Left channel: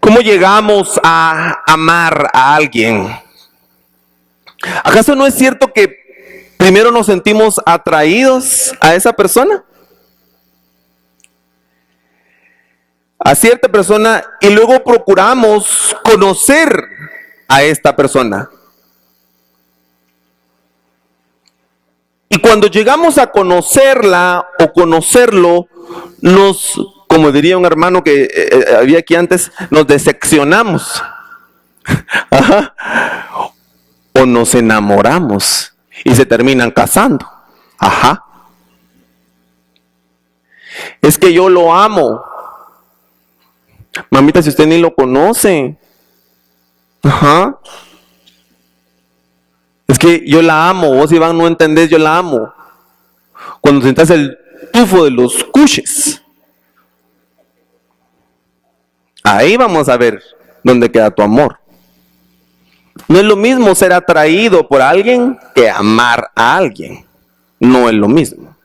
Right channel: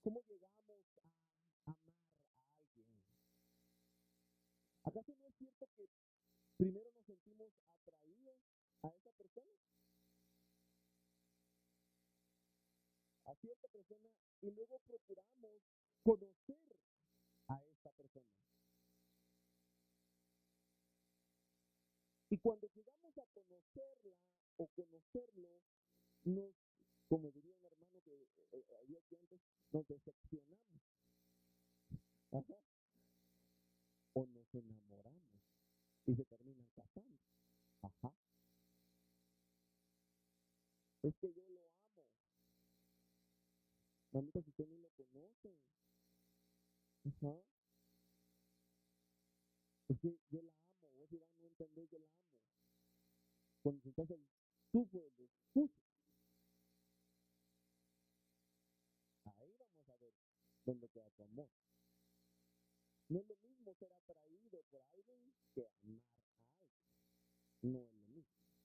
¿Cómo llegamos a amar a alguien? ¿Acaso no es cierto que primero nos sentimos atraídos a esa persona? A cierta persona, y luego procuramos conocer a esta persona. Y cuando llegamos a conocerla o conocerlo, como diría un hermano que había aquí antes, nos decepcionamos. Ajá. O nos enamoramos y se terminan casando. Ajá. Es que yo lo amo. Mamita, si usted ni lo conoce. Ajá. Es que yo la amo. Vos, Iván, no entendés, yo la amo. Cuando sentás el tufo de los cuches, ahí vamos a ver dónde queda tu amor. No es lo mismo ser atraído por alguien que amar a alguien. No es lo mismo.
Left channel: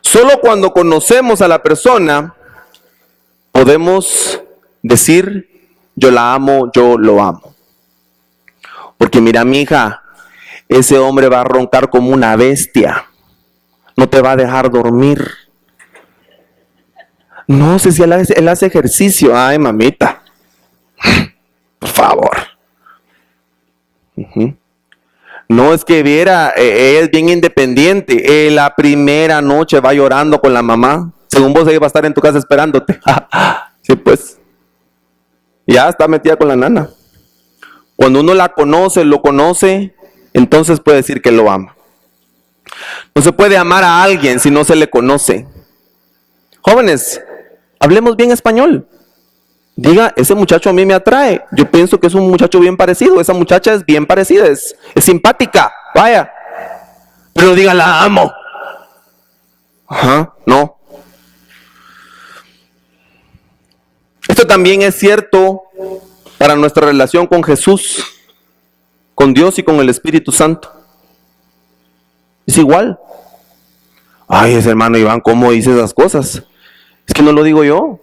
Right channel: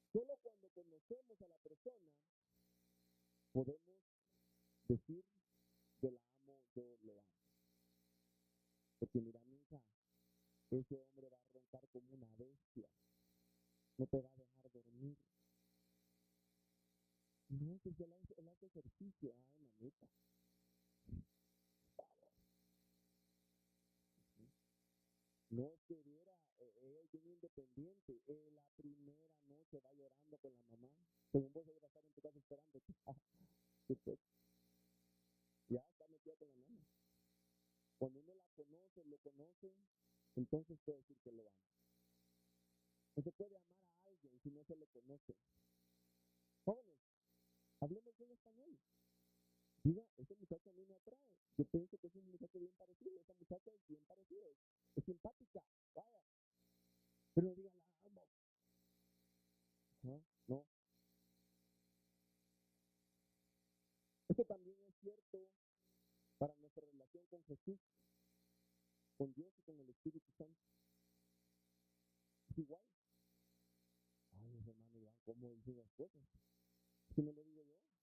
Solo cuando conocemos a la persona podemos decir, yo la amo, yo lo amo. Porque mira, mi hija, ese hombre va a roncar como una bestia. No te va a dejar dormir. No sé si él hace ejercicio. Ay, mamita. Por favor. No, es que viera, ella es bien independiente. La primera noche va llorando con la mamá. Según vos, ella va a estar en tu casa esperándote. Sí, pues. Ya está metida con la nana. Cuando uno la conoce, lo conoce, entonces puede decir que lo ama. No se puede amar a alguien si no se le conoce. Jóvenes, hablemos bien español. Diga, ese muchacho a mí me atrae. Yo pienso que es un muchacho bien parecido. Esa muchacha es bien parecida, es simpática. Vaya. Pero diga, la amo. Ajá, no. Esto también es cierto para nuestra relación con Jesús, con Dios y con el Espíritu Santo. Es igual. Ay, ese hermano Iván, ¿cómo dice esas cosas? Es que no lo digo yo,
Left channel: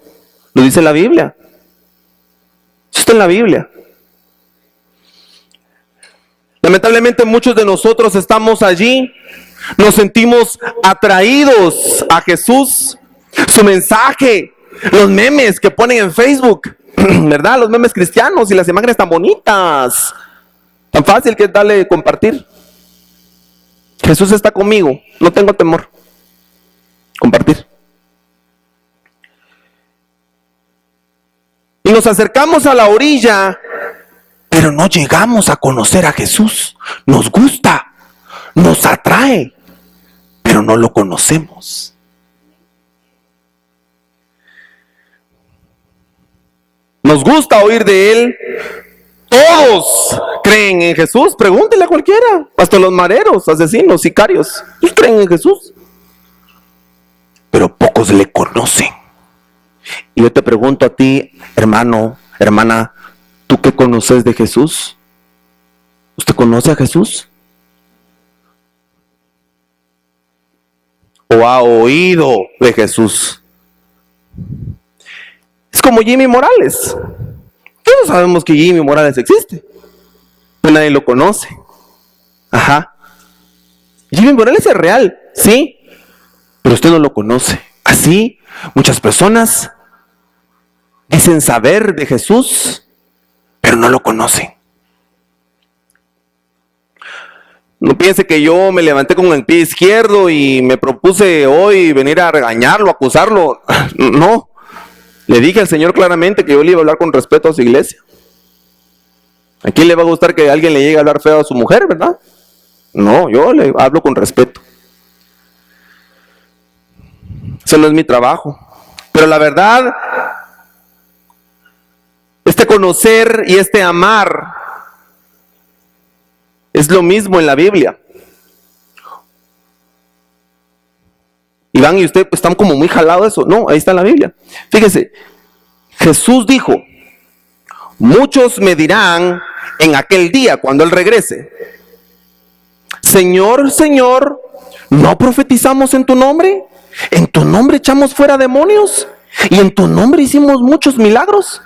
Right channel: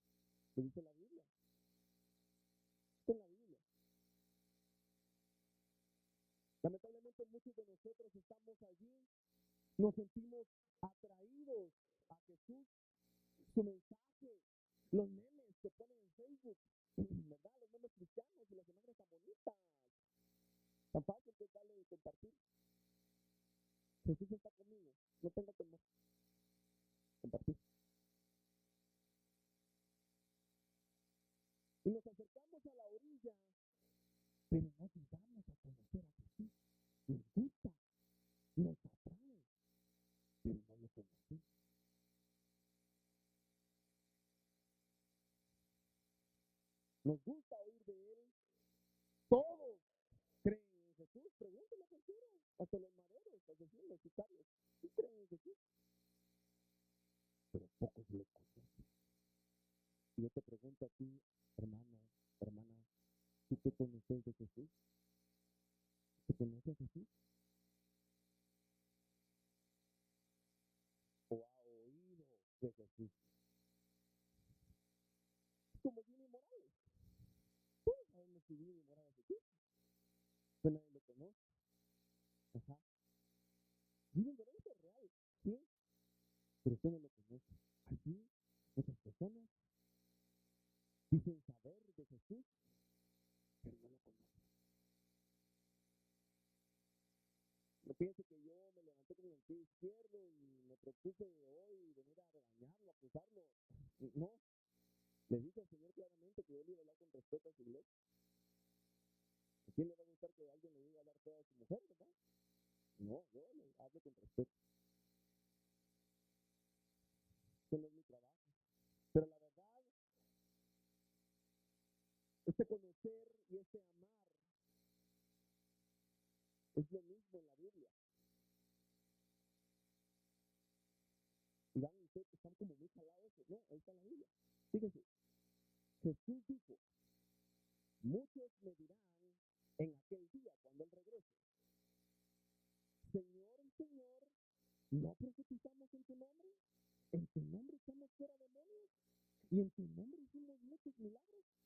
lo dice la Biblia. Eso está en la Biblia. Lamentablemente muchos de nosotros estamos allí, nos sentimos atraídos a Jesús, su mensaje, los memes que ponen en Facebook, ¿verdad? Los memes cristianos y las imágenes tan bonitas, tan fácil que es darle compartir. Jesús está conmigo, no tengo temor. Compartir. Y nos acercamos a la orilla, pero no llegamos a conocer a Jesús. Nos gusta, nos atrae, pero no lo conocemos. Nos gusta oír de Él. Todos creen en Jesús. Pregúntele a cualquiera. Hasta los mareros, asesinos, sicarios. Todos creen en Jesús. Pero pocos le conocen. Y yo te pregunto a ti, hermano, hermana, ¿tú qué conoces de Jesús? ¿Usted conoce a Jesús? ¿O ha oído de Jesús? Es como Jimmy Morales. Todos sabemos que Jimmy Morales existe, pero nadie lo conoce. Ajá. Jimmy Morales es real, sí, pero usted no lo conoce. Así, muchas personas dicen saber de Jesús, pero no lo conocen. No piense que yo me levanté con el pie izquierdo y me propuse hoy venir a regañarlo, acusarlo. No. Le dije al Señor claramente que yo le iba a hablar con respeto a su iglesia. ¿A quién le va a gustar que alguien le llegue a hablar feo a su mujer, verdad? No, yo le hablo con respeto. Eso no es mi trabajo. Pero la verdad, este conocer y este amar es lo mismo en la Biblia. Iván y usted pues, están como muy jalados eso. No, ahí está en la Biblia. Fíjese, Jesús dijo, muchos me dirán en aquel día cuando Él regrese, Señor, Señor, ¿no profetizamos en tu nombre? ¿En tu nombre echamos fuera demonios? ¿Y en tu nombre hicimos muchos milagros?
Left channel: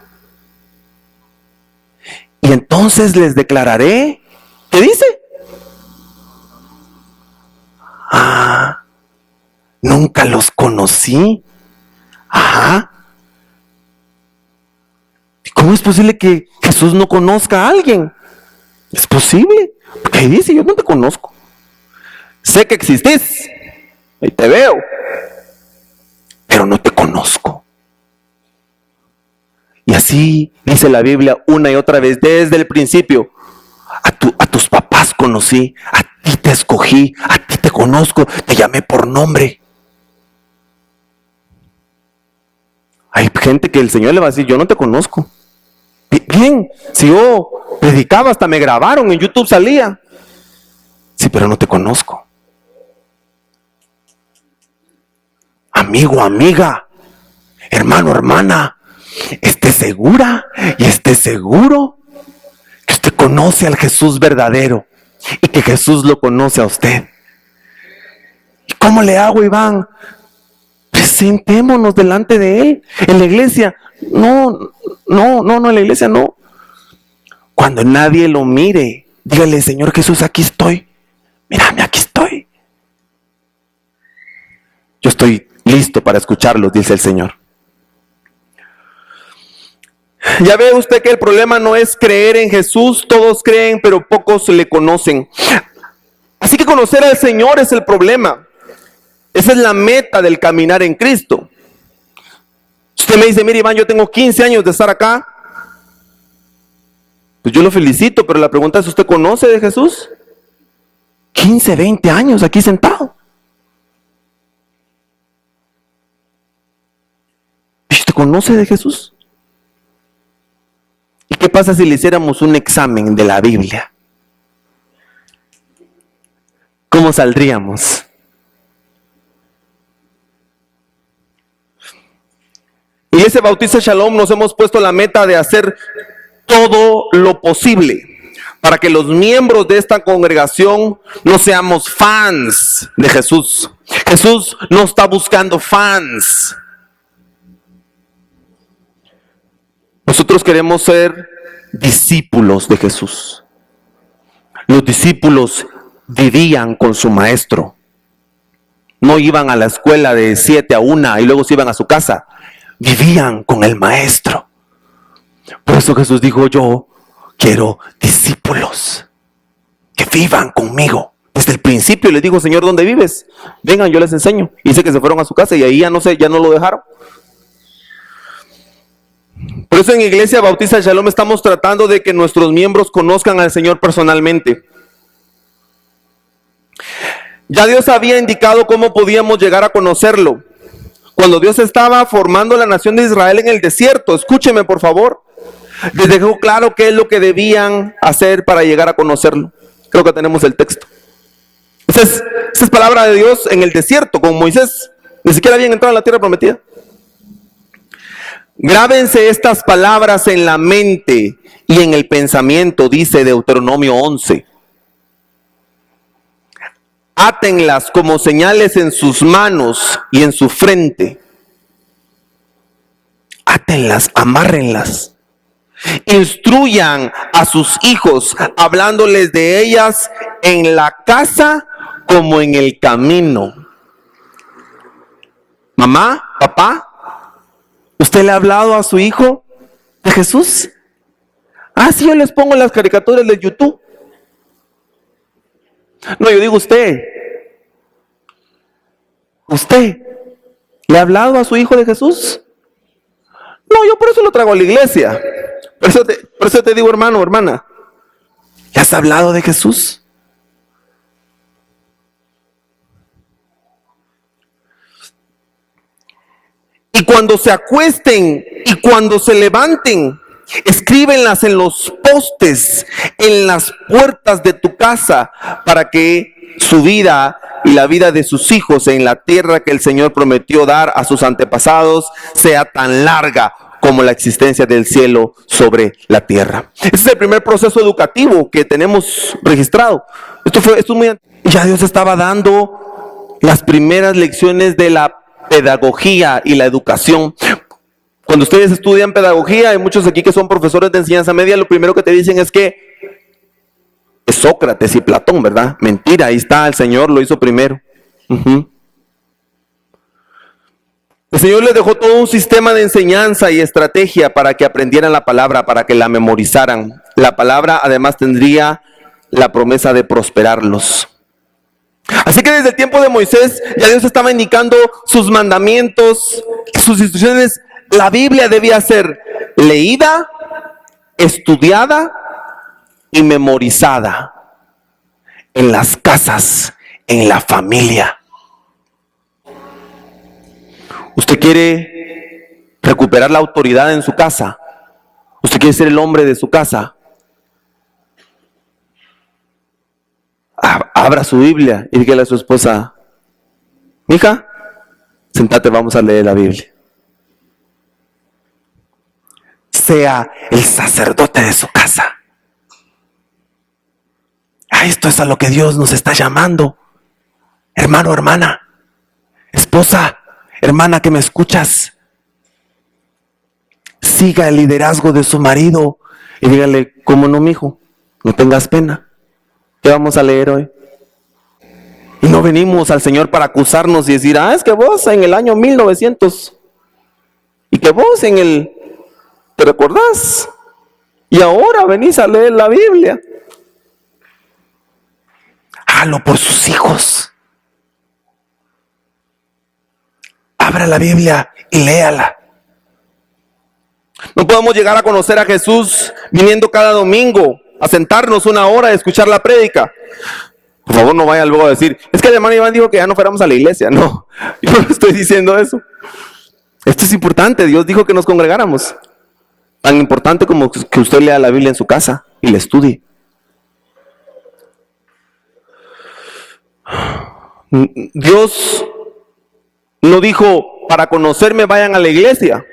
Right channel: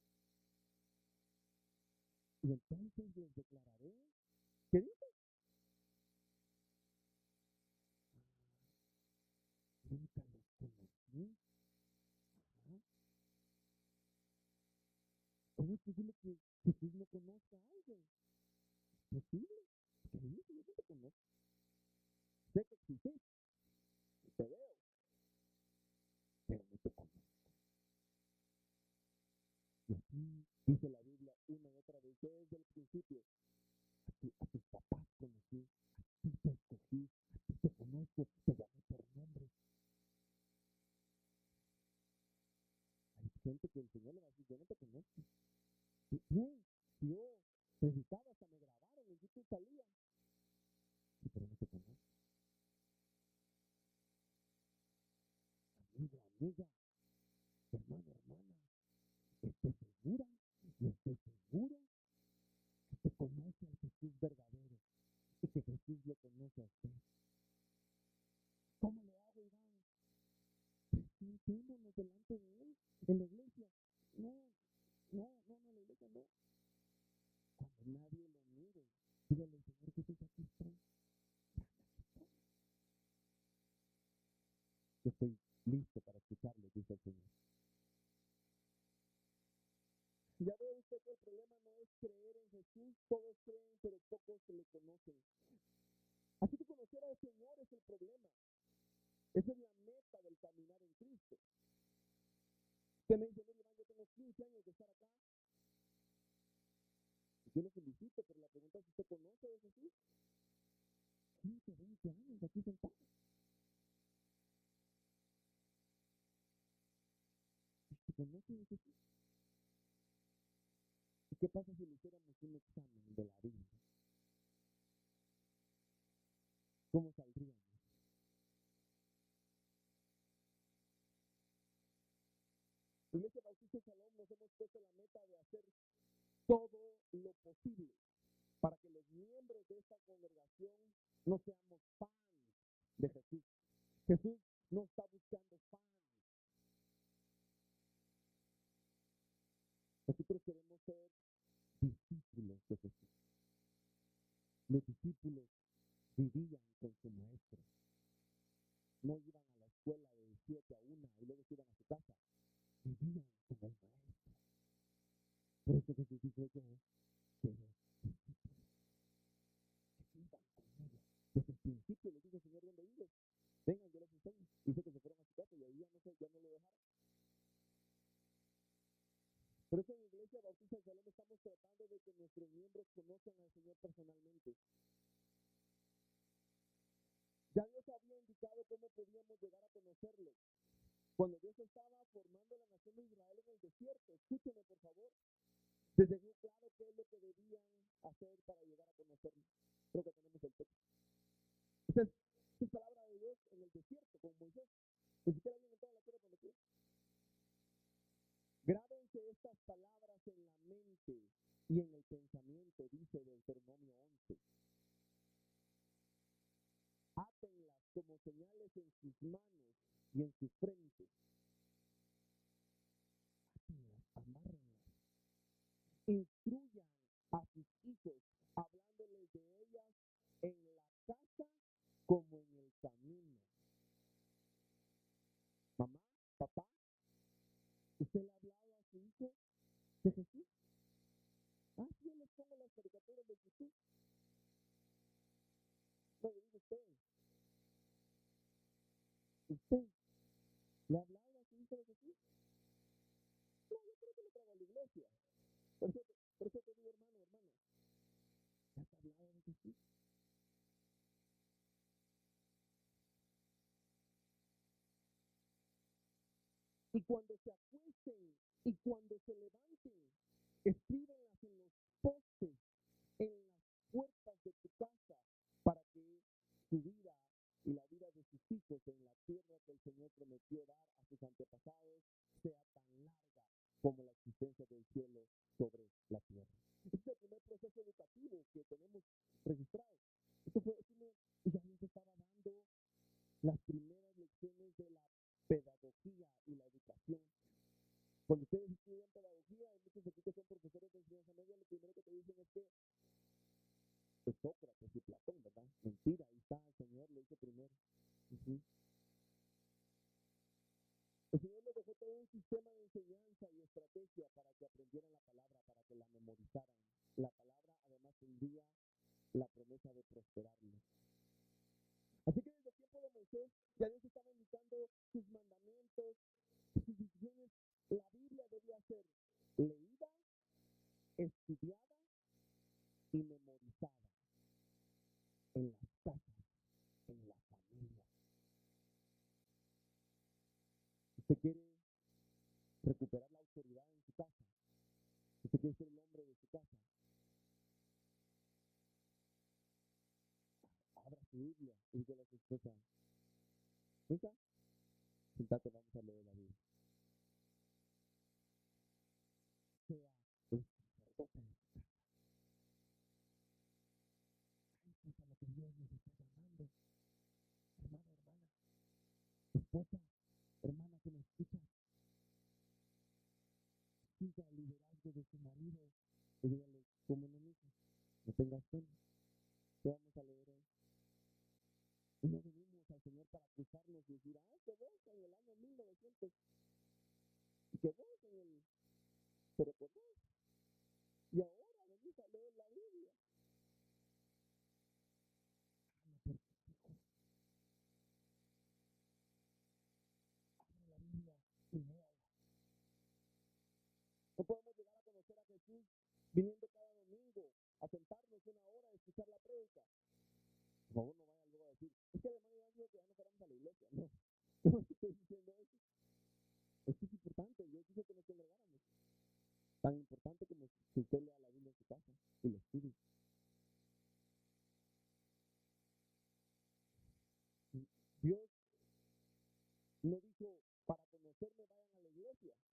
Y entonces les declararé, ¿qué dice? Nunca los conocí. Ajá. ¿Cómo es posible que Jesús no conozca a alguien? Es posible, porque ahí dice, yo no te conozco. Sé que existís, ahí te veo, pero no te conozco. Y así dice la Biblia una y otra vez, desde el principio. A tus papás conocí, a ti te escogí, a ti te conozco, te llamé por nombre. Hay gente que el Señor le va a decir, yo no te conozco. Bien, si yo predicaba, hasta me grabaron, en YouTube salía. Sí, pero no te conozco. Amigo, amiga, hermano, hermana, esté segura y esté seguro que usted conoce al Jesús verdadero y que Jesús lo conoce a usted. ¿Y cómo le hago, Iván? Presentémonos delante de Él. En la iglesia, no, en la iglesia no. Cuando nadie lo mire, dígale, Señor Jesús, aquí estoy. Mírame, aquí estoy. Yo estoy listo para escucharlos, dice el Señor. Ya ve usted que el problema no es creer en Jesús, todos creen, pero pocos le conocen. Así que conocer al Señor es el problema. Esa es la meta del caminar en Cristo. Usted me dice, mire Iván, yo tengo 15 años de estar acá. Pues yo lo felicito, pero la pregunta es, ¿usted conoce de Jesús? 15, 20 años aquí sentado. ¿Y usted conoce de Jesús? ¿Y qué pasa si le hiciéramos un examen de la Biblia? ¿Cómo saldríamos? Iglesia Bautista Shalom nos hemos puesto la meta de hacer todo lo posible para que los miembros de esta congregación no seamos fans de Jesús. Jesús no está buscando fans. Nosotros queremos ser discípulos de Jesús. Los discípulos vivían con su maestro. No iban a la escuela de 7 a 1 y luego se iban a su casa. Vivían con el maestro. Por eso Jesús dijo, yo quiero discípulos que vivan conmigo. Desde el principio les dijo, Señor, ¿dónde vives? Vengan, yo les enseño. Y dice que se fueron a su casa y ahí ya no lo dejaron. Por eso en Iglesia Bautista Shalom estamos tratando de que nuestros miembros conozcan al Señor personalmente. Ya Dios había indicado cómo podíamos llegar a conocerlo. Cuando Dios estaba formando la nación de Israel en el desierto, escúcheme por favor, les dejó claro qué es lo que debían hacer para llegar a conocerlo. Creo que tenemos el texto. Esa es palabra de Dios en el desierto, con Moisés. Ni siquiera habían entrado en la tierra prometida. Grábense estas palabras en la mente y en el pensamiento, dice Deuteronomio 11. Átenlas como señales en sus manos y en su frente. Átenlas, amárrenlas. Instruyan a sus hijos, hablándoles de ellas en la casa como en el camino. Mamá, papá, ¿usted le ha hablado a su hijo de Jesús? Sí, yo les pongo las caricaturas de YouTube. No, yo digo usted. ¿Usted le ha hablado a su hijo de Jesús? No, yo por eso lo traigo a la iglesia. Por eso te digo, hermano, hermana, ¿le has hablado de Jesús? Y cuando se acuesten y cuando se levanten, escríbenlas en los postes, en las puertas de tu casa, para que su vida y la vida de sus hijos en la tierra que el Señor prometió dar a sus antepasados sea tan larga como la existencia del cielo sobre la tierra. Ese es el primer proceso educativo que tenemos registrado. Esto es muy... Ya Dios estaba dando las primeras lecciones de la pedagogía y la educación. Cuando ustedes estudian pedagogía, hay muchos aquí que son profesores de enseñanza media, lo primero que te dicen es que es Sócrates y Platón, ¿verdad? Mentira, ahí está, el Señor lo hizo primero. El Señor les dejó todo un sistema de enseñanza y estrategia para que aprendieran la palabra, para que la memorizaran. La palabra además tendría la promesa de prosperarlos. Así que desde el tiempo de Moisés ya Dios estaba indicando sus mandamientos, sus instrucciones. La Biblia debía ser leída, estudiada y memorizada en las casas, en la familia. ¿Usted quiere recuperar la autoridad en su casa? ¿Usted quiere ser el hombre de su casa? Abra su Biblia y dígale a su esposa: mija, sentate, vamos a leer la Biblia. Sea el sacerdote de su casa. Esto es a lo que Dios nos está llamando. Hermano, hermana, esposa, hermana que me escuchas, siga el liderazgo de su marido y dígale: ¿cómo no, mijo? No tengas pena. ¿Qué vamos a leer hoy? Y no venimos al Señor para acusarnos y decir: es que vos en el año 1900 y que vos en el... ¿Te recordás? Y ahora venís a leer la Biblia. Hágalo por sus hijos. Abra la Biblia y léala. No podemos llegar a conocer a Jesús viniendo cada domingo a sentarnos una hora a escuchar la prédica. Por favor, no vaya luego a decir: es que el hermano Iván dijo que ya no fuéramos a la iglesia. No, yo no estoy diciendo eso. Esto es importante. Dios dijo que nos congregáramos. Tan importante como que usted lea la Biblia en su casa y la estudie. Dios no dijo: para conocerme vayan a la iglesia.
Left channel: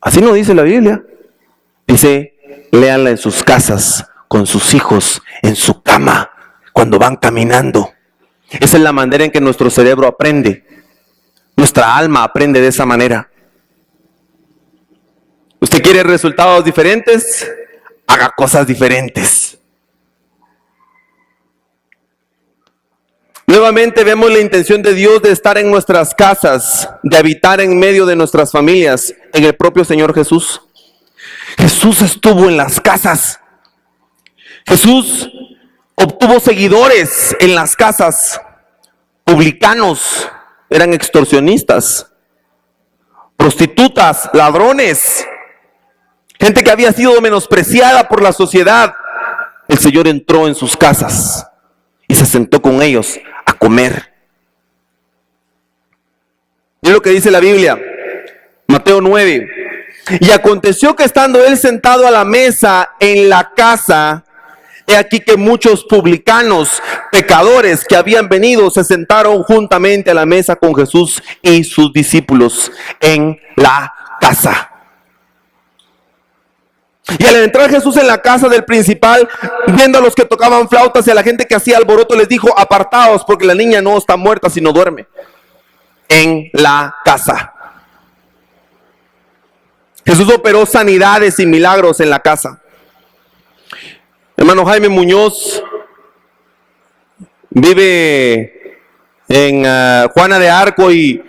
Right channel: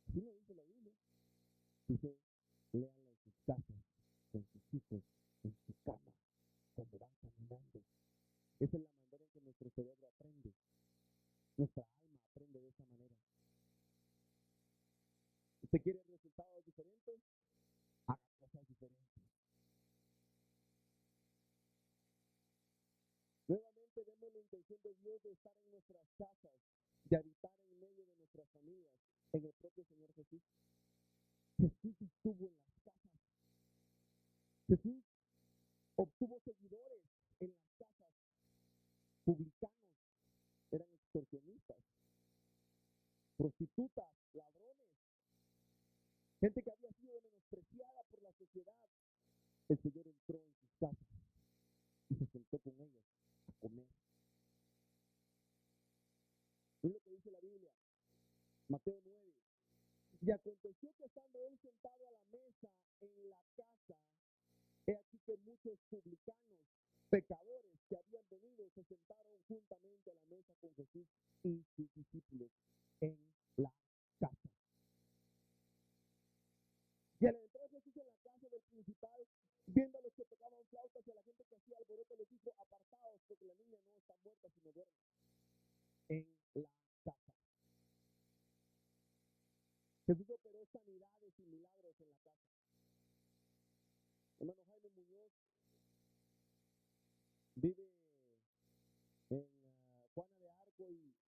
Así no dice la Biblia. Dice: léanla en sus casas, con sus hijos, en su cama, cuando van caminando. Esa es la manera en que nuestro cerebro aprende. Nuestra alma aprende de esa manera. ¿Usted quiere resultados diferentes? Haga cosas diferentes. Nuevamente vemos la intención de Dios de estar en nuestras casas, de habitar en medio de nuestras familias, en el propio Señor Jesús. Jesús estuvo en las casas. Jesús obtuvo seguidores en las casas. Publicanos, eran extorsionistas, prostitutas, ladrones, gente que había sido menospreciada por la sociedad. El Señor entró en sus casas y se sentó con ellos a comer. Mira lo que dice la Biblia, Mateo 9. Y aconteció que estando él sentado a la mesa en la casa, he aquí que muchos publicanos, pecadores que habían venido, se sentaron juntamente a la mesa con Jesús y sus discípulos en la casa. Y al entrar Jesús en la casa del principal, viendo a los que tocaban flautas y a la gente que hacía alboroto, les dijo: apartaos, porque la niña no está muerta, sino duerme. En la casa. Jesús operó sanidades y milagros en la casa. Hermano Jaime Muñoz vive en Juana de Arco y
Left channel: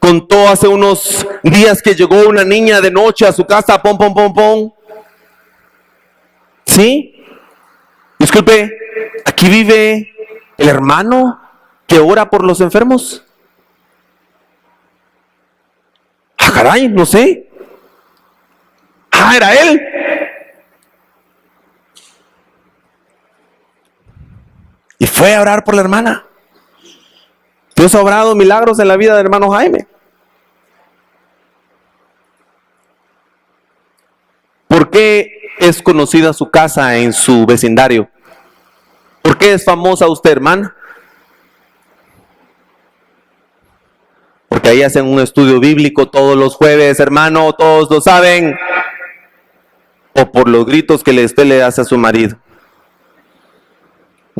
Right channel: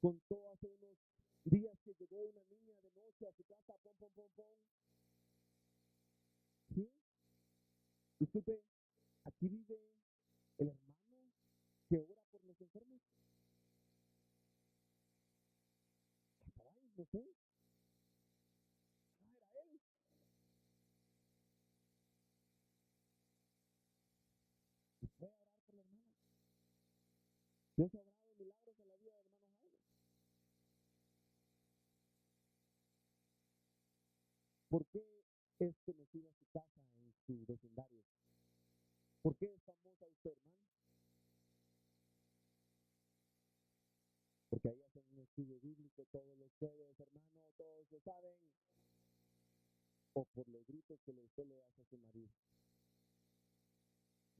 contó hace unos días que llegó una niña de noche a su casa, pom, pom, pom, pom. ¿Sí? Disculpe, ¿aquí vive el hermano que ora por los enfermos? Ah, caray, no sé. Ah, era él. Y fue a orar por la hermana. Dios ha obrado milagros en la vida del hermano Jaime. ¿Por qué es conocida su casa en su vecindario? ¿Por qué es famosa usted, hermana? Porque ahí hacen un estudio bíblico todos los jueves, hermano, todos lo saben. O por los gritos que usted le hace a su marido.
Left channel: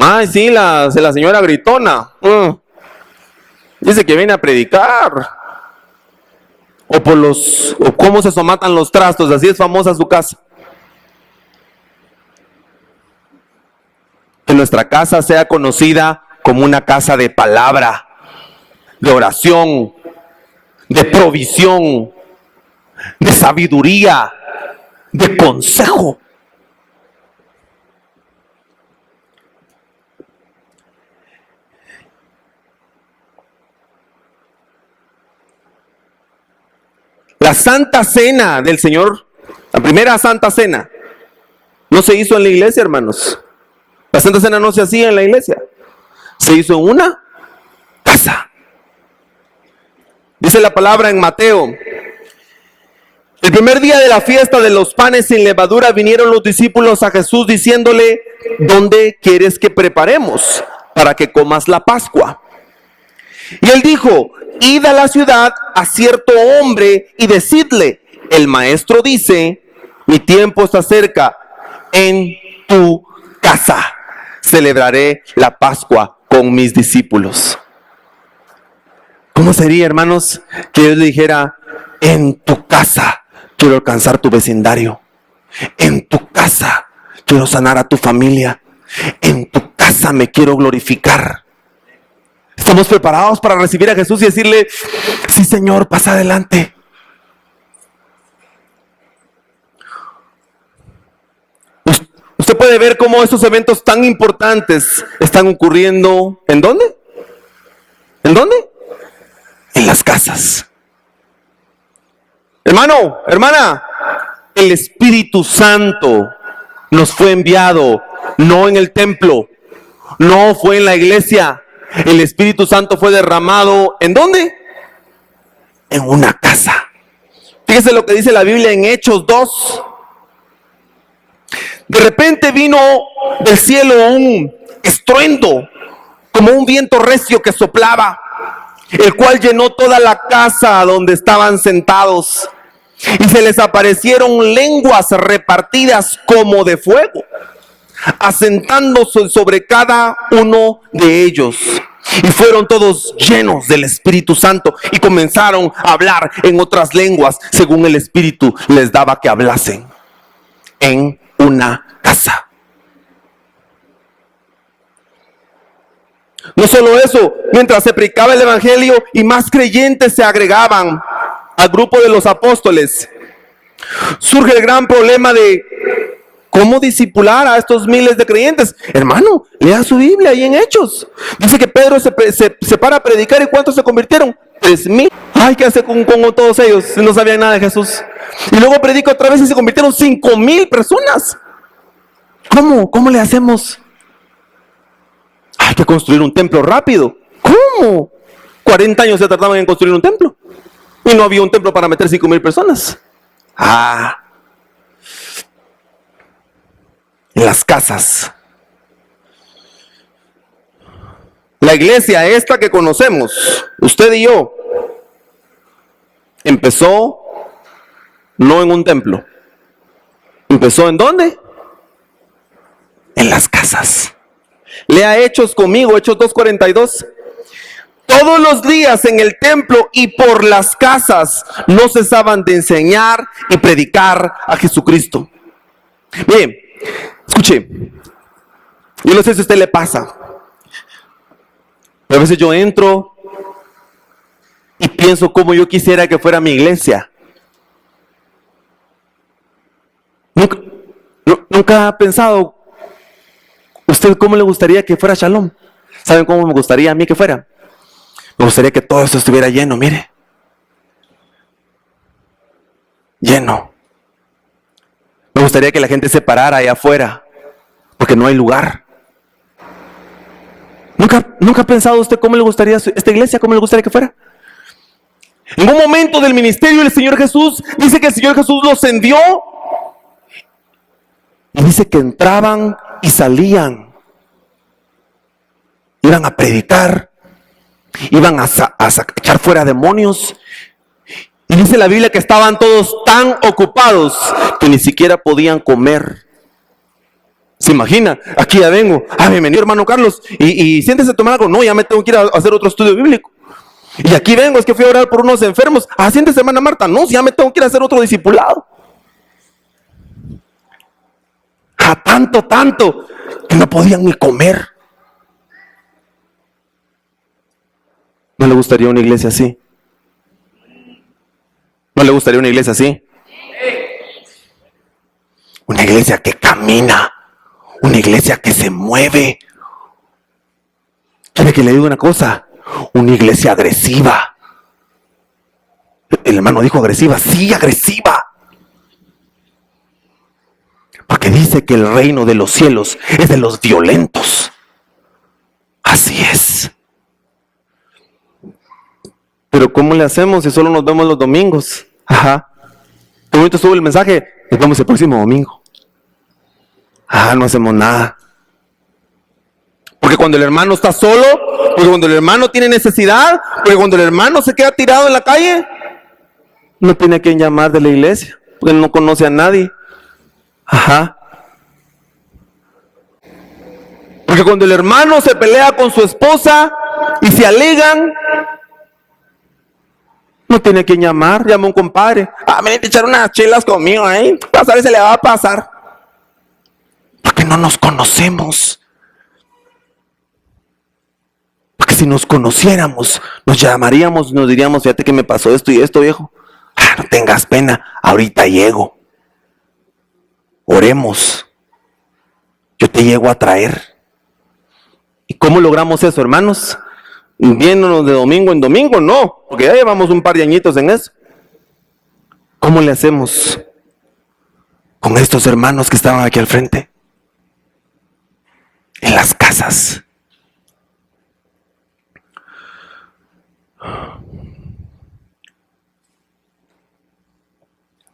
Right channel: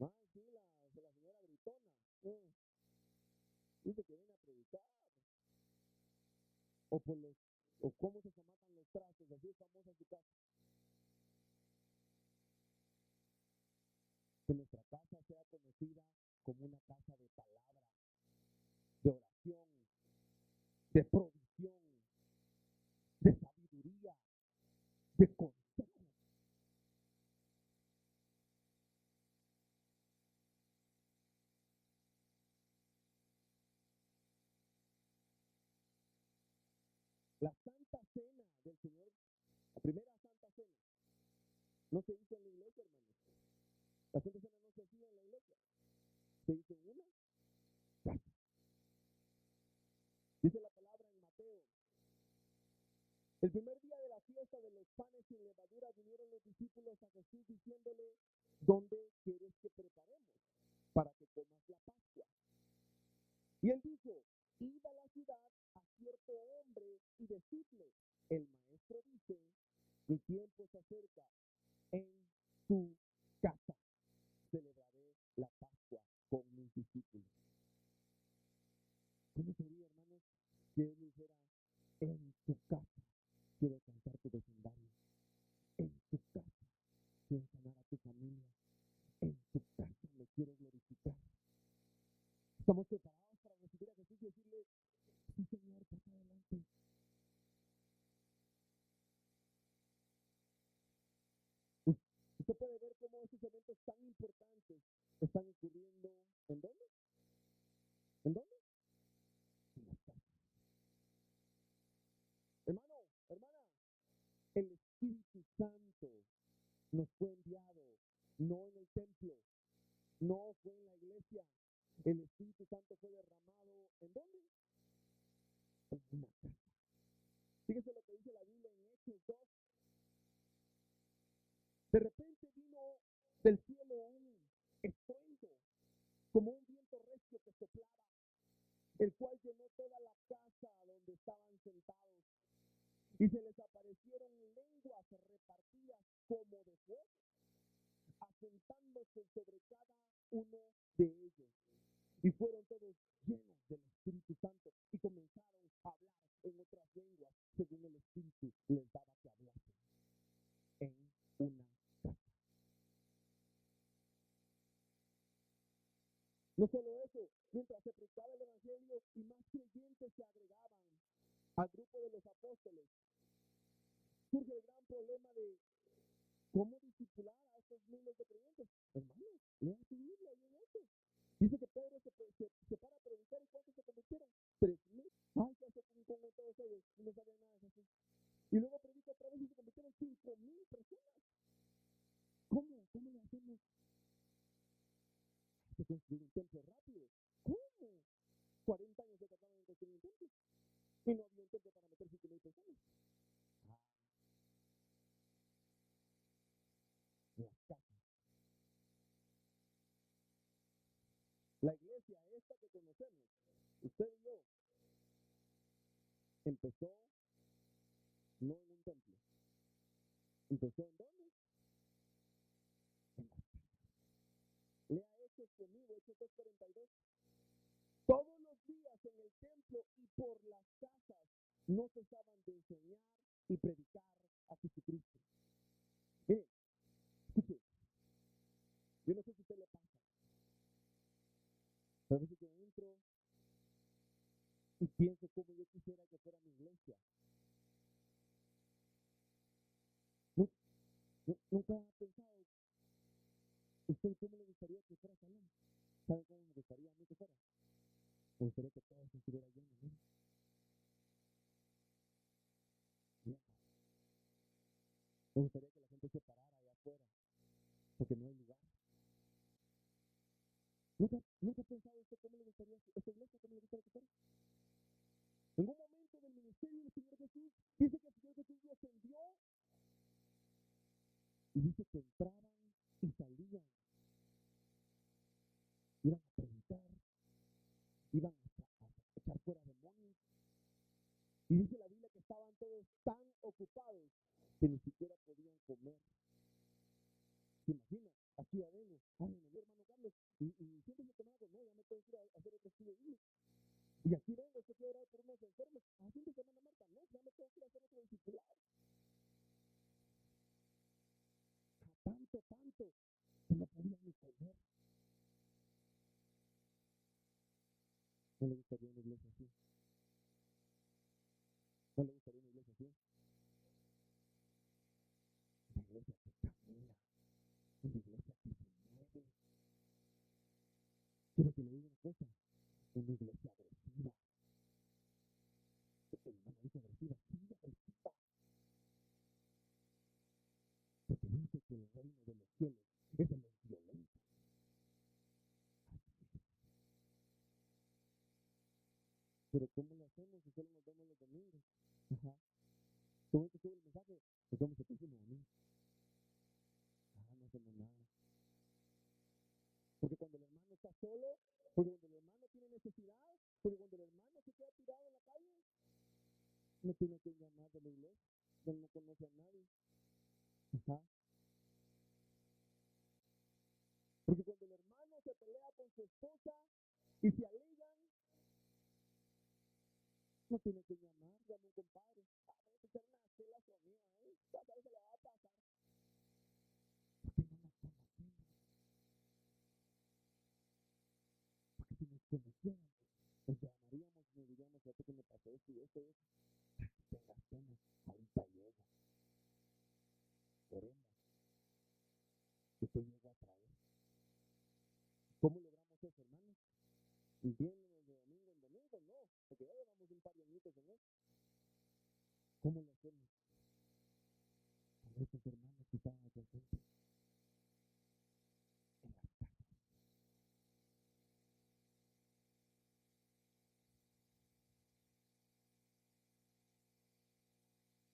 Ay, sí, la señora gritona. Dice que viene a predicar. o cómo se somatan los trastos. Así es famosa su casa. Que nuestra casa sea conocida como una casa de palabra, de oración, de provisión, de sabiduría, de consejo. La Santa Cena del Señor, la primera Santa Cena, no se hizo en la iglesia, hermanos. La Santa Cena no se hacía en la iglesia. Se hizo en una casa. Dice la palabra en Mateo: el primer día de la fiesta de los panes sin levadura vinieron los discípulos a Jesús diciéndole: ¿dónde quieres que preparemos para que comas la Pascua? Y él dijo: id a la ciudad a cierto hombre y decidle: el maestro dice, mi tiempo está cerca, en tu casa celebraré la Pascua con mis discípulos. ¿Cómo sería, hermanos, que Dios le dijera: en tu casa quiero alcanzar tu vecindario, en tu casa quiero sanar a tu familia, en tu casa me quiero glorificar? Estamos preparados para recibir a Jesús y decirle: sí, Señor, pasa adelante. Usted puede ver cómo estos eventos tan importantes están ocurriendo. ¿En dónde? ¿En dónde? En las casas. Hermano, hermana, el Espíritu Santo nos fue enviado, no en el templo, no fue en la iglesia. El Espíritu Santo fue derramado, ¿en dónde? En una casa. Fíjese lo que dice la Biblia en Hechos 2. De repente vino del cielo un estruendo, como un viento recio que soplaba, el cual llenó toda la casa donde estaban sentados. Y se les aparecieron lenguas repartidas como de fuego, asentándose sobre cada uno de ellos. Y fueron todos llenos del Espíritu Santo y comenzaron a hablar en otras lenguas según el Espíritu les daba que hablasen. En una casa. No solo eso, mientras se predicaba el evangelio y más creyentes se agregaban al grupo de los apóstoles, surge el gran problema de cómo discipular a estos miles de creyentes. Hermano, lea su Biblia ahí en Hechos. Dice que Pedro se para a predicar. ¿Y cuántos se convirtieron? 3,000. Ay, ¿qué hace con todos ellos si no sabían nada de Jesús? Y luego predica otra vez y se convirtieron 5,000 personas. ¿Cómo le hacemos? Hay que construir un templo rápido. ¿Cómo? 40 años se tardaban en construir un templo. Y no había un templo para meter 5,000 personas. En las casas. La iglesia esta que conocemos, usted y yo, empezó no en un templo. ¿Empezó en dónde? En las casas. Lea Hechos conmigo, Hechos 2:42. Todos los días en el templo y por las casas no cesaban de enseñar y predicar a Jesucristo. Bien, escuche, yo no sé si a usted le pasa, pero a veces yo entro y pienso cómo yo quisiera que fuera mi iglesia. ¿Nunca ha pensado usted cómo le gustaría que fuera Shalom? ¿Saben cómo me gustaría a mí que fuera? Me gustaría que todo esto estuviera lleno, mire. Lleno. Me gustaría que la gente se parara allá afuera, porque no hay lugar. ¿Nunca ha pensado usted cómo le gustaría esta iglesia, cómo le gustaría que fuera? En un momento del ministerio del Señor Jesús, dice que el Señor Jesús los envió. Y dice que entraban y salían. Iban a predicar. Iban a echar fuera demonios. Y dice la Biblia que estaban todos tan ocupados que ni siquiera podían comer. ¿Se imagina? Aquí ya vengo. Bienvenido, hermano Carlos. Y siéntese a tomar algo. No, ya me tengo que ir a hacer otro estudio bíblico. Y aquí vengo, es que fui a orar por unos enfermos. Siéntese, hermana Marta. No, si ya me tengo que ir a hacer otro discipulado. Tanto, que no podían ni comer. ¿No le gustaría una iglesia así? ¿No le gustaría una iglesia así? Una iglesia que camina, una iglesia que se mueve. ¿Quiere que le diga una cosa? Una iglesia agresiva. El hermano dijo agresiva, sí, agresiva. Porque dice que el reino de los cielos es de los violentos. Así es. Pero ¿cómo le hacemos si solo nos vemos los domingos? Qué bonito estuvo el mensaje. Nos vemos el próximo domingo. No hacemos nada. Porque cuando el hermano está solo, porque cuando el hermano tiene necesidad, porque cuando el hermano se queda tirado en la calle, no tiene a quien llamar de la iglesia, porque no conoce a nadie. Porque cuando el hermano se pelea con su esposa y se alegan, no tiene a quien llamar, llama a un compadre. Ven a echar unas chelas conmigo, vas a ver si le va a pasar. Porque no nos conocemos. Porque si nos conociéramos, nos llamaríamos y nos diríamos, fíjate que me pasó esto y esto, viejo. No tengas pena, ahorita llego. Oremos. Yo te llego a traer. ¿Y cómo logramos eso, hermanos? Viéndonos de domingo en domingo, no, porque ya llevamos un par de añitos en eso. ¿Cómo le hacemos con estos hermanos que estaban aquí al frente? En las casas.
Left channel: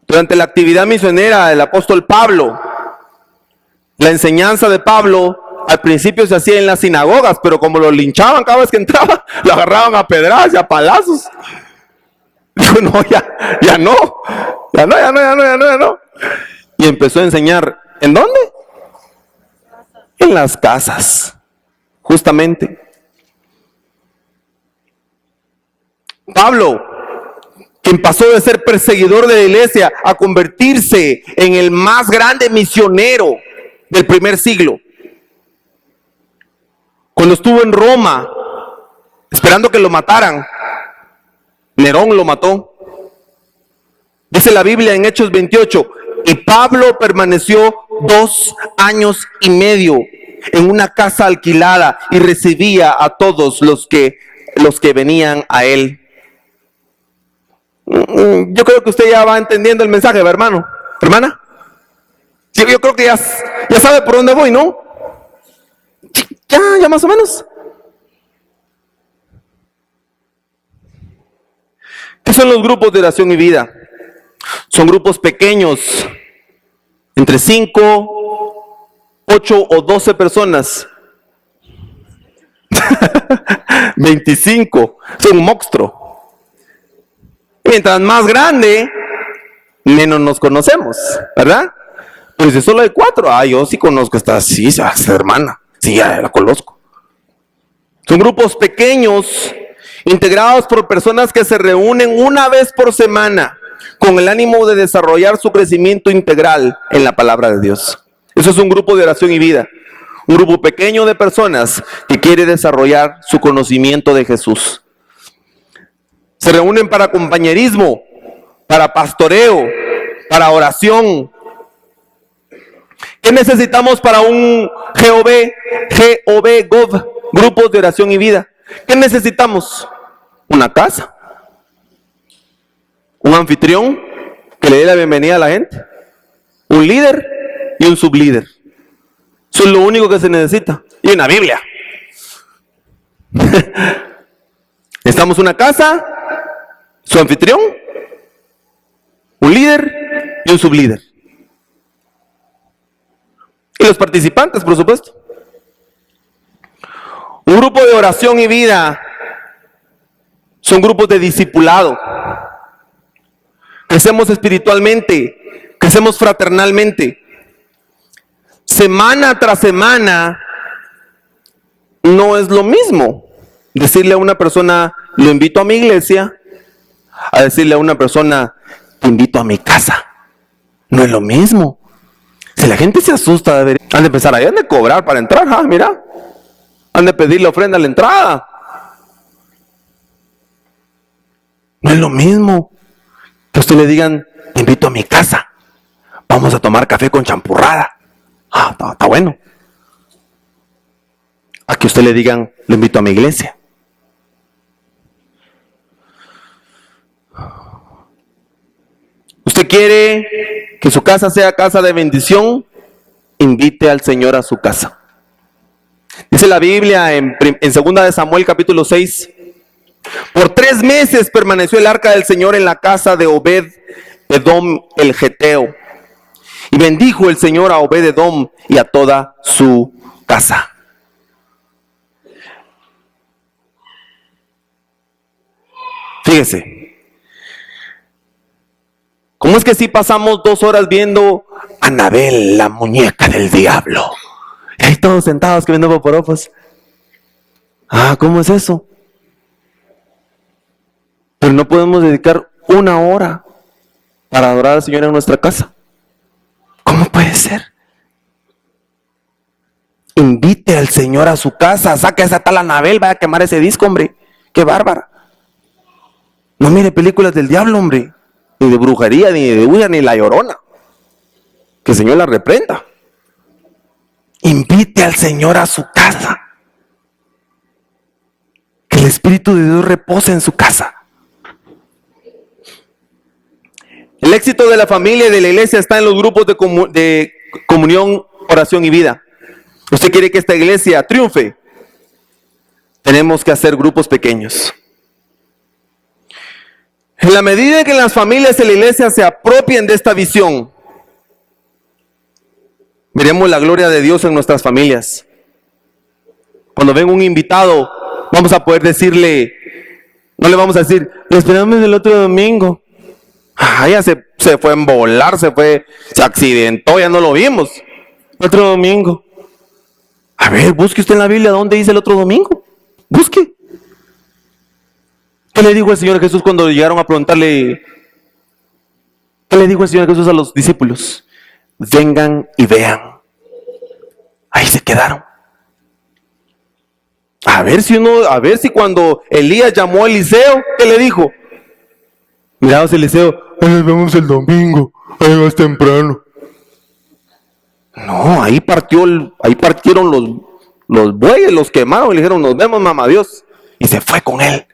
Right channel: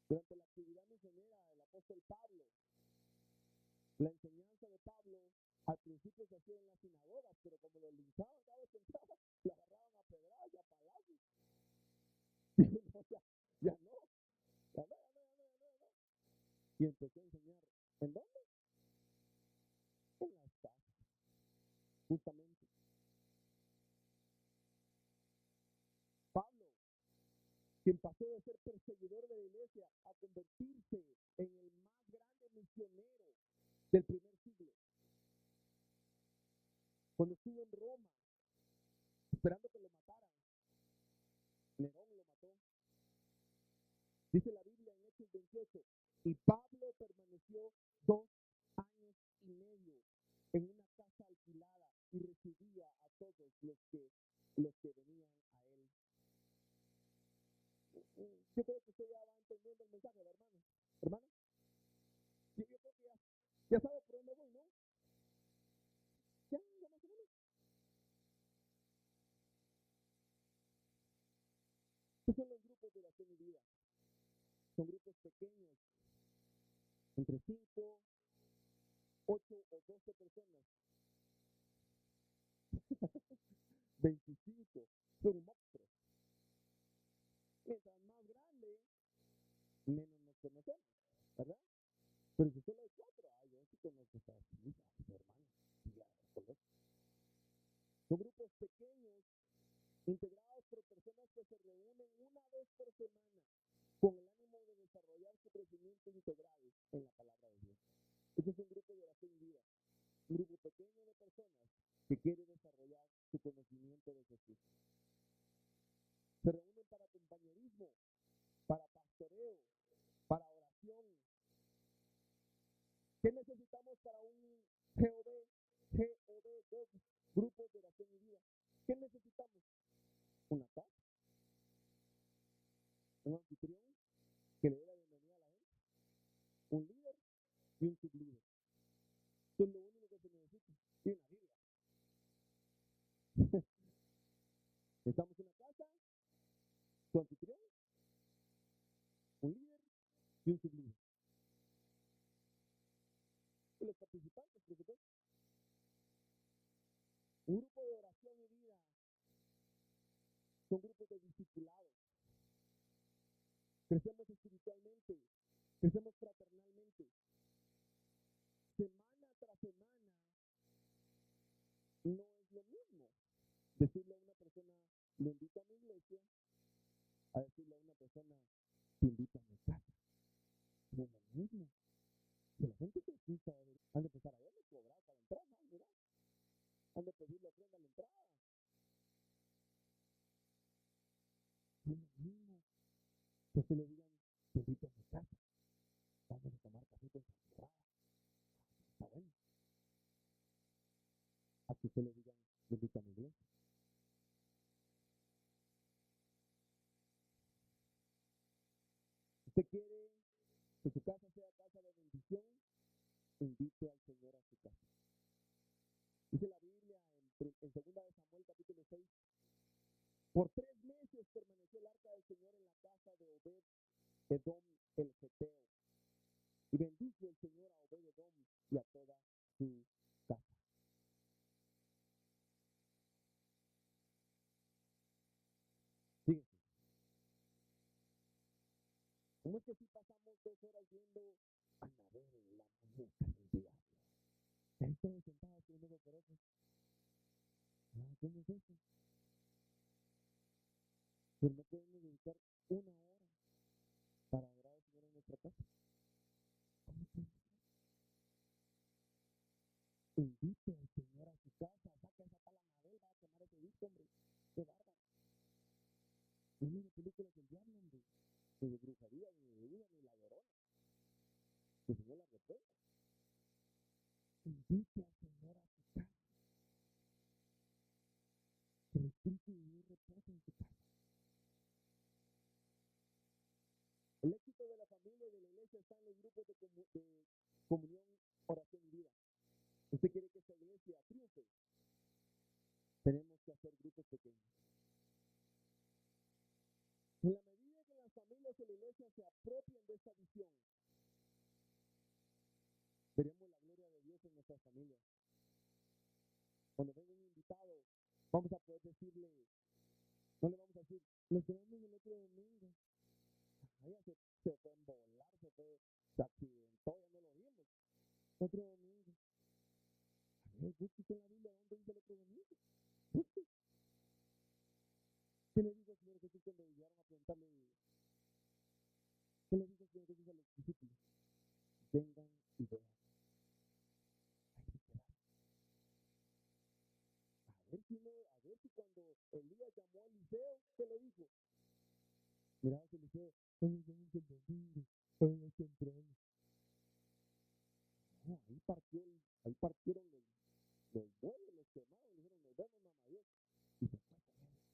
Durante la actividad misionera del apóstol Pablo, la enseñanza de Pablo al principio se hacía en las sinagogas, pero como lo linchaban cada vez que entraba, lo agarraban a pedradas y a palazos. Dijo, no, ya no. Y empezó a enseñar, ¿en dónde? En las casas, justamente. Pablo, quien pasó de ser perseguidor de la iglesia a convertirse en el más grande misionero del primer siglo. Cuando estuvo en Roma, esperando que lo mataran, Nerón lo mató. Dice la Biblia en Hechos 28, y Pablo permaneció 2 años y medio en una casa alquilada y recibía a todos los que venían a él. Yo creo que usted ya va entendiendo el mensaje, ¿verdad, hermano? ¿Hermana? Sí, yo creo que ya sabe por dónde voy, ¿no? Ya más o menos. ¿Qué son los grupos de oración y vida? Son grupos pequeños, entre 5, 8 o 12 personas. 25, es un monstruo. Mientras más grande, menos nos conocemos, ¿verdad? Pero si solo hay 4, yo sí conozco esta hermana. Sí, ya la conozco. Son grupos pequeños, integrados por personas que se reúnen una vez por semana con el ánimo de desarrollar su crecimiento integral en la palabra de Dios. Eso es un grupo de oración y vida. Un grupo pequeño de personas que quiere desarrollar su conocimiento de Jesús. Se reúnen para compañerismo, para pastoreo, para oración. ¿Qué necesitamos para un GOV, grupos de oración y vida? ¿Qué necesitamos? Una casa, un anfitrión que le dé la bienvenida a la gente, un líder y un sublíder. Eso es lo único que se necesita. Y una Biblia. Necesitamos una casa, su anfitrión, un líder y un sublíder. Y los participantes, por supuesto. Un grupo de oración y vida son grupos de discipulado. Crecemos espiritualmente, crecemos fraternalmente. Semana tras semana no es lo mismo decirle a una persona lo invito a mi iglesia, a decirle a una persona, te invito a mi casa. No es lo mismo. Si la gente se asusta de ver, han de empezar ahí, han de cobrar para entrar, mira. Han de pedirle ofrenda a la entrada. No es lo mismo que a usted le digan, te invito a mi casa. Vamos a tomar café con champurrada. Está bueno. A que usted le digan, lo invito a mi iglesia. ¿Usted quiere que su casa sea casa de bendición? Invite al Señor a su casa. Dice la Biblia en 2 de Samuel capítulo 6. Por 3 meses permaneció el arca del Señor en la casa de Obed-Edom el Geteo. Y bendijo el Señor a Obed-Edom y a toda su casa. Fíjese. ¿Cómo es que si pasamos 2 horas viendo Anabel, la muñeca del diablo? Y ahí todos sentados que viendo poporopos. ¿Cómo es eso? Pero no podemos dedicar 1 hora para adorar al Señor en nuestra casa. ¿Cómo puede ser? Invite al Señor a su casa, saque esa tal Anabel, vaya a quemar ese disco, hombre. Qué bárbara. No mire películas del diablo, hombre. Ni de brujería, ni de huya, ni la llorona. Que el Señor la reprenda. Invite al Señor a su casa. Que el Espíritu de Dios repose en su casa. El éxito de la familia y de la iglesia está en los grupos de comunión, oración y vida. ¿Usted quiere que esta iglesia triunfe? Tenemos que hacer grupos pequeños. En la medida en que las familias y la iglesia se apropien de esta visión, veremos la gloria de Dios en nuestras familias. Cuando venga un invitado, vamos a poder decirle, no le vamos a decir, lo esperamos el otro domingo. Ya se fue a volar, se accidentó, ya no lo vimos. Otro domingo. A ver, busque usted en la Biblia dónde dice el otro domingo. Busque. ¿Qué le dijo el Señor Jesús cuando llegaron a preguntarle? ¿Qué le dijo el Señor Jesús a los discípulos? Vengan y vean. Ahí se quedaron. A ver si cuando Elías llamó a Eliseo, ¿qué le dijo? Mira, Eliseo, nos vemos el domingo, ahí más temprano. No, ahí partieron los bueyes, los quemaron y le dijeron, nos vemos, mamá Dios. Y se fue con él.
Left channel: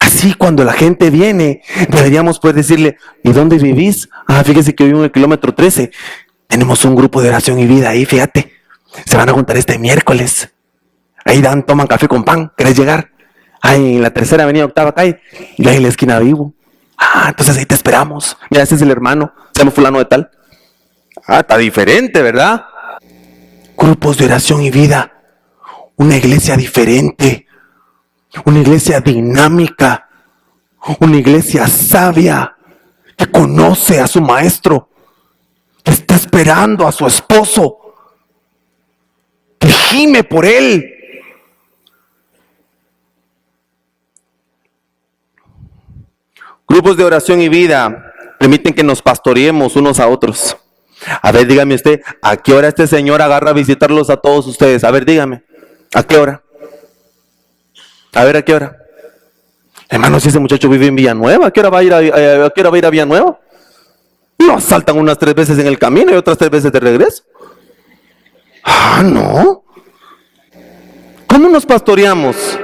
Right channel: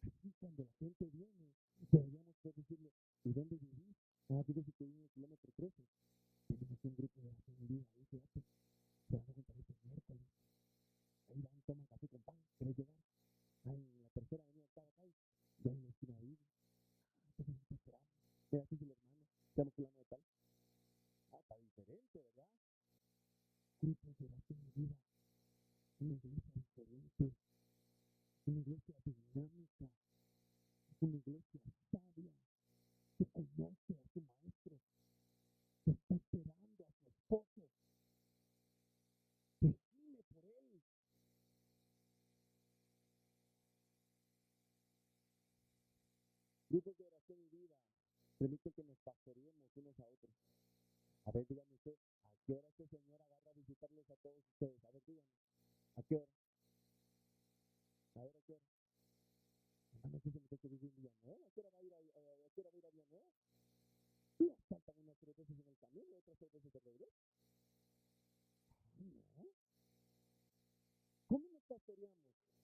Así cuando la gente viene, deberíamos poder decirle, ¿y dónde vivís? Fíjese que vivo en el kilómetro 13. Tenemos un grupo de oración y vida ahí, fíjate. Se van a juntar este miércoles. Ahí toman café con pan, ¿querés llegar? En la 3ª avenida, 8ª calle. Yo ahí en la esquina vivo. Entonces ahí te esperamos. Mira, ese es el hermano, se llama fulano de tal. Está diferente, ¿verdad? Grupos de oración y vida. Una iglesia diferente. Una iglesia dinámica. Una iglesia sabia. Que conoce a su maestro. Que está esperando a su esposo. Que gime por él. Grupos de oración y vida permiten que nos pastoreemos unos a otros. A ver, dígame usted, ¿a qué hora este señor agarra a visitarlos a todos ustedes? A ver, dígame, ¿a qué hora? A ver, ¿a qué hora? Hermano, si ese muchacho vive en Villanueva, ¿a qué hora va a ir a Villanueva? Lo asaltan unas 3 veces en el camino y otras 3 veces de regreso. No. ¿Cómo nos pastoreamos?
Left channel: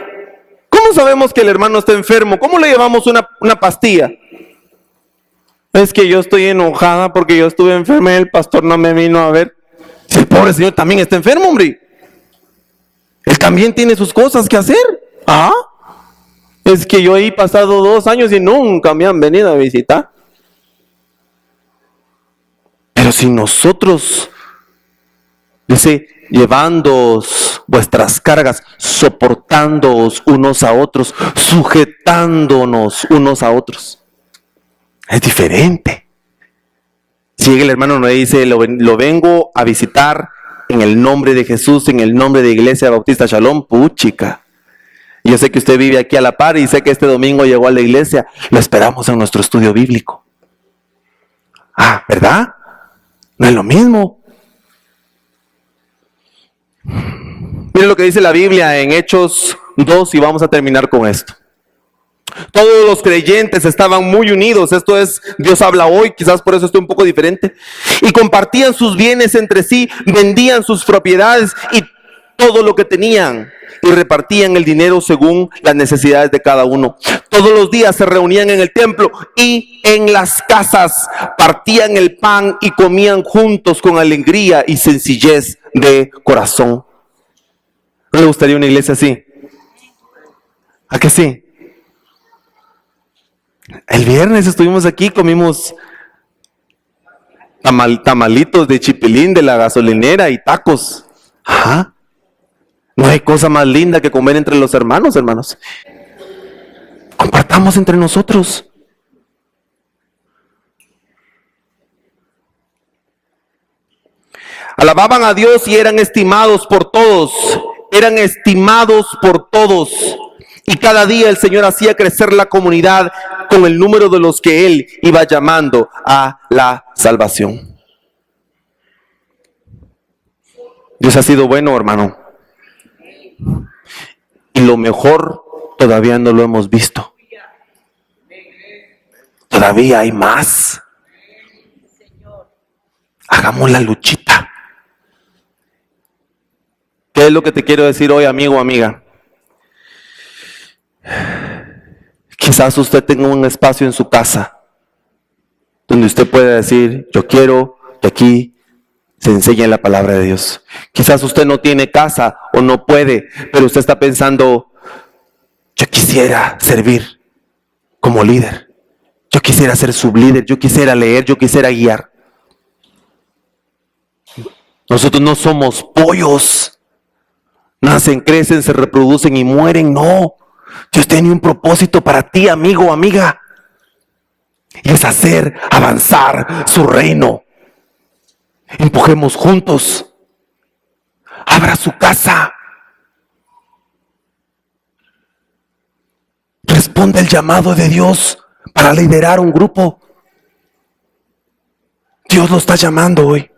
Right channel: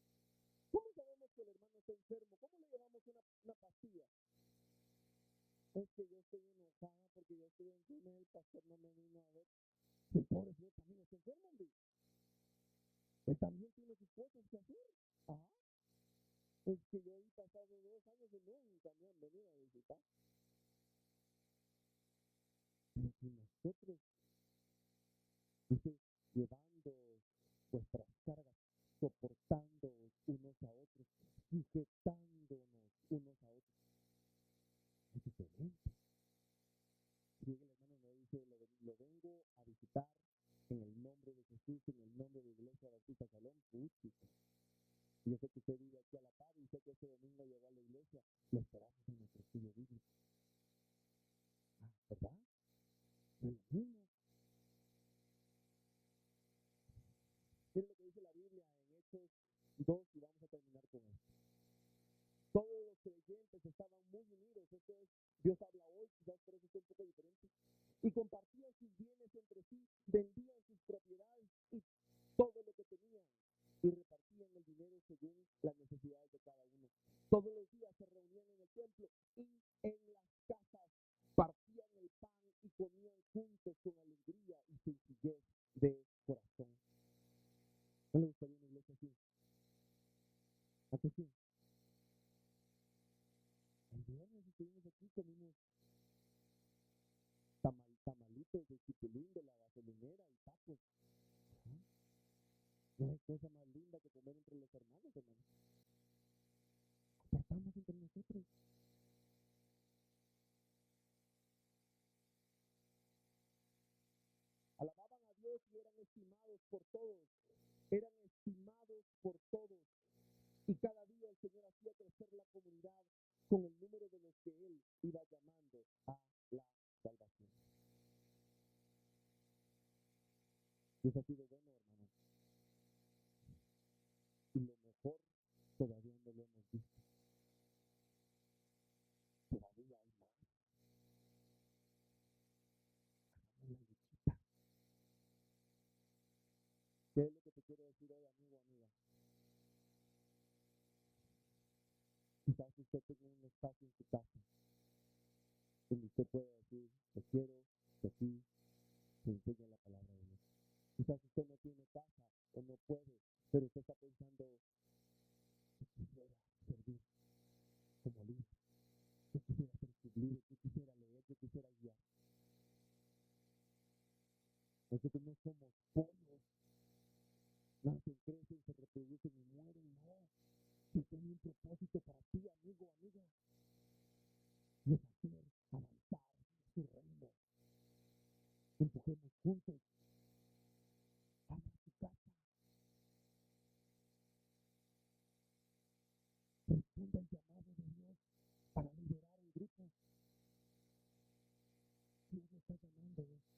¿Cómo sabemos que el hermano está enfermo? ¿Cómo le llevamos una pastilla? Es que yo estoy enojada porque yo estuve enferma y el pastor no me vino a ver. Si el pobre señor también está enfermo, hombre. Él también tiene sus cosas que hacer. Es que yo he pasado 2 años y nunca me han venido a visitar. Pero si nosotros, dice, llevándoos vuestras cargas, soportándoos unos a otros, sujetándonos unos a otros. Es diferente. Si llega el hermano nos dice, lo vengo a visitar en el nombre de Jesús, en el nombre de Iglesia Bautista Shalom, puchica. Yo sé que usted vive aquí a la par y sé que este domingo llegó a la iglesia. Lo esperamos en nuestro estudio bíblico. Ah, ¿verdad? No es lo mismo. Miren lo que dice la Biblia en Hechos 2 y vamos a terminar con esto. Todos los creyentes estaban muy unidos. Esto es, Dios habla hoy, quizás por eso estoy un poco diferente. Y compartían sus bienes entre sí, vendían sus propiedades y todo lo que tenían, y repartían el dinero según las necesidades de cada uno. Todos los días se reunían en el templo y en las casas, partían el pan y comían juntos con alegría y sencillez de corazón. ¿No le gustaría una iglesia así? ¿A que sí? El viernes estuvimos aquí, comimos tamalitos de chipilín de la gasolinera y tacos. Ajá. No hay cosa más linda que comer entre los hermanos, hermanos. Compartamos entre nosotros. Alababan a Dios y eran estimados por todos. Eran estimados por todos. Y cada día el Señor hacía crecer la comunidad con el número de los que Él iba llamando a la salvación. Dios ha sido bueno, hermano. Y lo mejor todavía no lo hemos visto. Todavía hay más. Hagamos la luchita. ¿Qué es lo que te quiero decir hoy, amigo o amiga? Quizás usted tenga un espacio en su casa donde usted pueda decir, yo quiero que aquí se enseñe la palabra de Dios. Quizás usted no tiene casa o no puede, pero usted está pensando, yo quisiera servir como líder. Yo quisiera ser sublíder, yo quisiera leer, yo quisiera guiar. Nosotros no somos pollos. Nacen, crecen, se reproducen y mueren. No. Dios tiene un propósito para ti, amigo o amiga. Y es hacer avanzar su reino. Empujemos juntos. Abra su casa. Responde el llamado de Dios para liderar un grupo. Dios lo está llamando hoy.